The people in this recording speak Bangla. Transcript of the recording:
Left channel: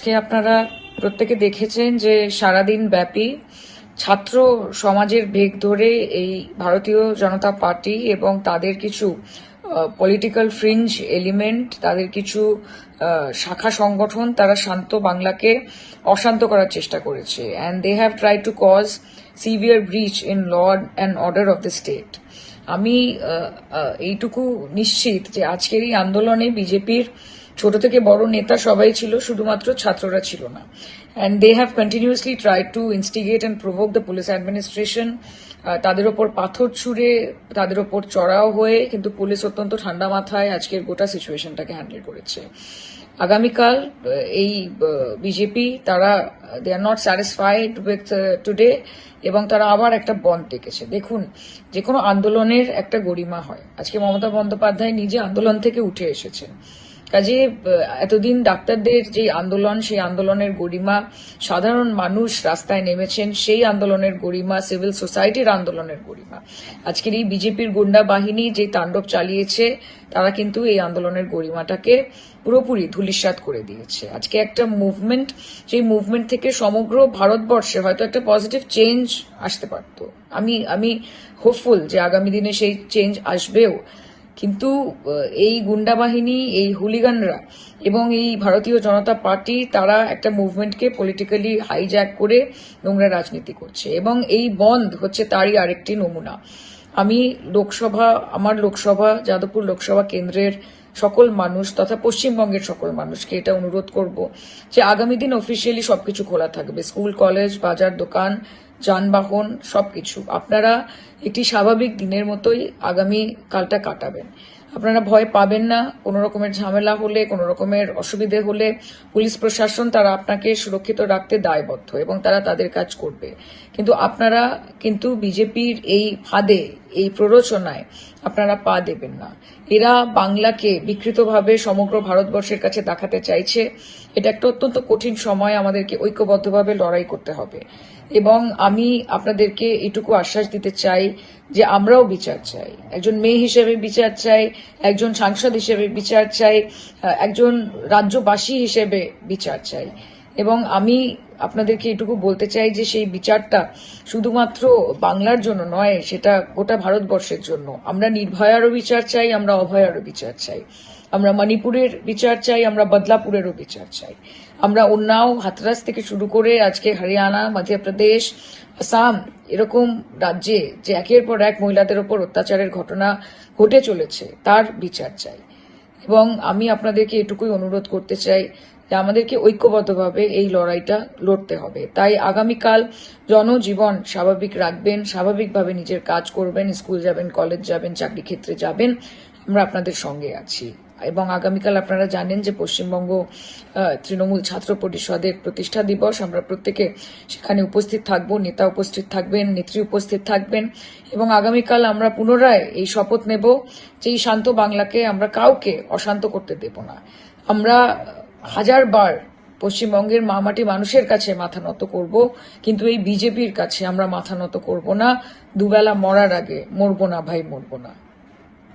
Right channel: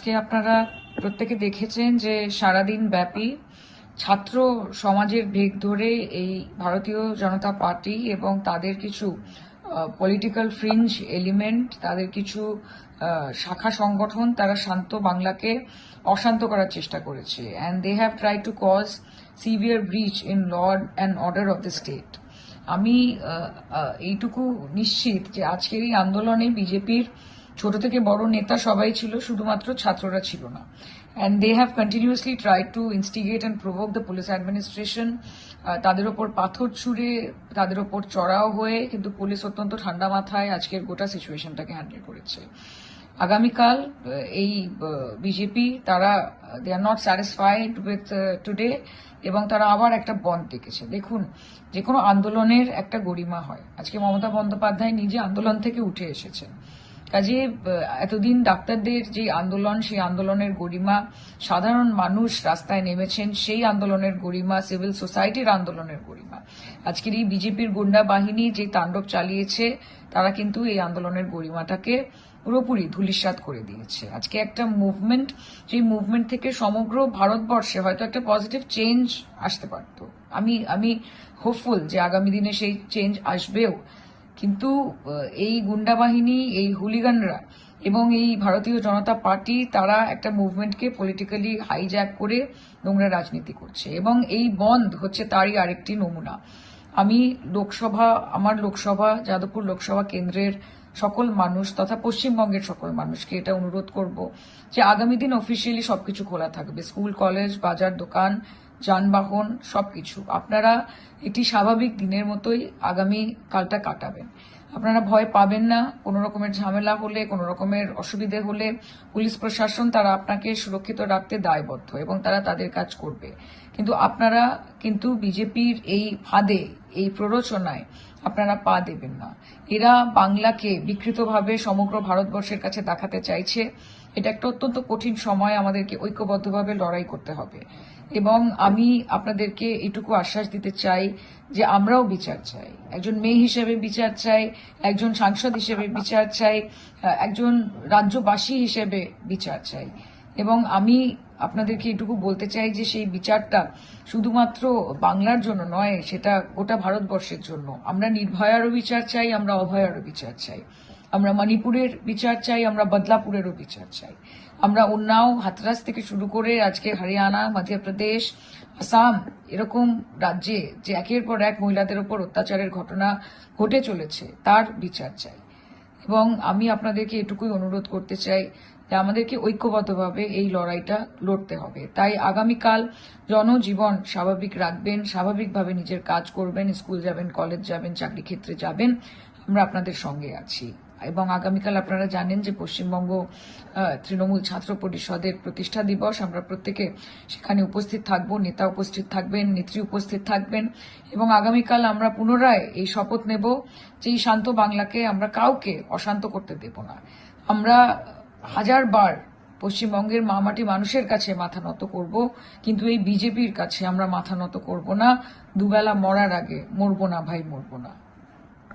আজকে আপনারা প্রত্যেকে দেখেছেন যে সারাদিন ব্যাপী ছাত্র সমাজের বেগ ধরে এই ভারতীয় জনতা পার্টি এবং তাদের কিছু পলিটিক্যাল ফ্রিঞ্জ এলিমেন্ট তাদের কিছু শাখা সংগঠন তারা শান্ত বাংলাকে অশান্ত করার চেষ্টা করেছে। And they have try to cause severe breach in law and order of the state আমি এইটুকু নিশ্চিত যে আজকের এই আন্দোলনে বিজেপির ছোট থেকে বড় নেতা সবাই ছিল, শুধুমাত্র ছাত্ররা ছিল না। And they have continuously try to instigate and provoke the police administration তাদের ওপর পাথর ছুঁড়ে, তাদের ওপর চড়াও হয়ে কিন্তু পুলিশ অত্যন্ত ঠান্ডা মাথায় আজকের গোটা সিচুয়েশনটাকে হ্যান্ডেল করেছে। আগামীকাল এই বিজেপি, তারা they are not satisfied with today এবং তারা আবার একটা বন্ধ ডেকেছে। দেখুন যে কোনো আন্দোলনের একটা গরিমা হয়। আজকে মমতা বন্দ্যোপাধ্যায় নিজে আন্দোলন থেকে উঠে এসেছেন। কাজে এতদিন ডাক্তারদের যে আন্দোলন, সেই আন্দোলনের গরিমা, সাধারণ মানুষ রাস্তায় নেমেছেন, সেই আন্দোলনের গরিমা, সিভিল সোসাইটির আন্দোলনের গরিমা। আজকের এই বিজেপির গুন্ডা বাহিনী যে তাণ্ডব চালিয়েছে, তারা কিন্তু এই আন্দোলনের গরিমাটাকে পুরোপুরি ধূলিসাৎ করে দিয়েছে। আজকে একটা মুভমেন্ট সেই মুভমেন্ট থেকে সমগ্র ভারতবর্ষে হয়তো একটা পজিটিভ চেঞ্জ আসতে পারত। আমি আমি হোপফুল যে আগামী দিনে সেই চেঞ্জ আসবেও। কিন্তু এই গুন্ডা বাহিনী, এই হুলিগানরা এবং এই ভারতীয় জনতা পার্টি, তারা একটা মুভমেন্টকে পলিটিক্যালি হাইজ্যাক করে নোংরা রাজনীতি করছে। এবং এই বন্ধ হচ্ছে তারই আরেকটি নমুনা। আমি লোকসভা, আমার লোকসভা, যাদবপুর লোকসভা কেন্দ্রের সকল মানুষ তথা পশ্চিমবঙ্গের সকল মানুষকে এটা অনুরোধ করব যে আগামী দিন অফিসিয়ালি সবকিছু খোলা থাকবে। স্কুল, কলেজ, বাজার, দোকান যানবাহন, সবকিছু। আপনারা একটি স্বাভাবিক দিনের মতোই আগামী কালটা কাটাবেন। আপনারা ভয় পাবেন না, কোনো রকমের ঝামেলা হলে, কোনো রকমের অসুবিধে হলে পুলিশ প্রশাসন তারা আপনাকে সুরক্ষিত রাখতে দায়বদ্ধ এবং তারা তাদের কাজ করবে। কিন্তু আপনারা কিন্তু বিজেপির এই ফাঁদে, এই প্ররোচনায় আপনারা পা দেবেন না। এরা বাংলাকে বিকৃতভাবে সমগ্র ভারতবর্ষের কাছে দেখাতে চাইছে। এটা একটা অত্যন্ত কঠিন সময় আমাদেরকে ঐক্যবদ্ধভাবে লড়াই করতে হবে। এবং আমি আপনাদেরকে এটুকু আশ্বাস দিতে চাই যে আমরাও বিচার চাই। একজন মেয়ে হিসেবে বিচার চাই, একজন সাংসদ হিসেবে বিচার চাই একজন রাজ্যবাসী হিসেবে বিচার চাই। এবং আমি আপনাদেরকে এটুকু বলতে চাই যে সেই বিচারটা শুধুমাত্র বাংলার জন্য নয়, সেটা গোটা ভারতবর্ষের জন্য। আমরা নির্ভয়ারও বিচার চাই, আমরা অভয়ারও বিচার চাই। আমরা মণিপুরের বিচার চাই, আমরা বদলাপুরেরও বিচার চাই। আমরা উন্নাও হাতরাস থেকে শুরু করে আজকে হরিয়ানা, মধ্যপ্রদেশ, আসাম এরকম রাজ্যে যে একের পর এক মহিলাদের ওপর অত্যাচারের ঘটনা ঘটে চলেছে, তার বিচার চাই। এবং আমি আপনাদেরকে এটুকুই অনুরোধ করতে চাই যে আমাদেরকে ঐক্যবদ্ধভাবে এই লড়াইটা লড়তে হবে। তাই আগামীকাল জনজীবন স্বাভাবিক রাখবেন, স্বাভাবিকভাবে নিজের কাজ করবেন, স্কুল যাবেন, কলেজ যাবেন চাকরি ক্ষেত্রে যাবেন, আমরা আপনাদের সঙ্গে আছি। এবং আগামীকাল আপনারা জানেন যে পশ্চিমবঙ্গ তৃণমূল ছাত্র পরিষদের প্রতিষ্ঠা দিবস। আমরা প্রত্যেকে সেখানে উপস্থিত থাকব, নেতা উপস্থিত থাকবেন, নেত্রী উপস্থিত থাকবেন এবং আগামীকাল আমরা পুনরায় এই শপথ নেব যে এই শান্ত বাংলাকে আমরা কাউকে অশান্ত করতে দেব না। আমরা হাজারবার পশ্চিমবঙ্গের মামাটি মানুষের কাছে মাথা নত করব, কিন্তু এই বিজেপির কাছে আমরা মাথা নত করব না। দুবেলা মরার আগে মরবো না ভাই, মরবো না।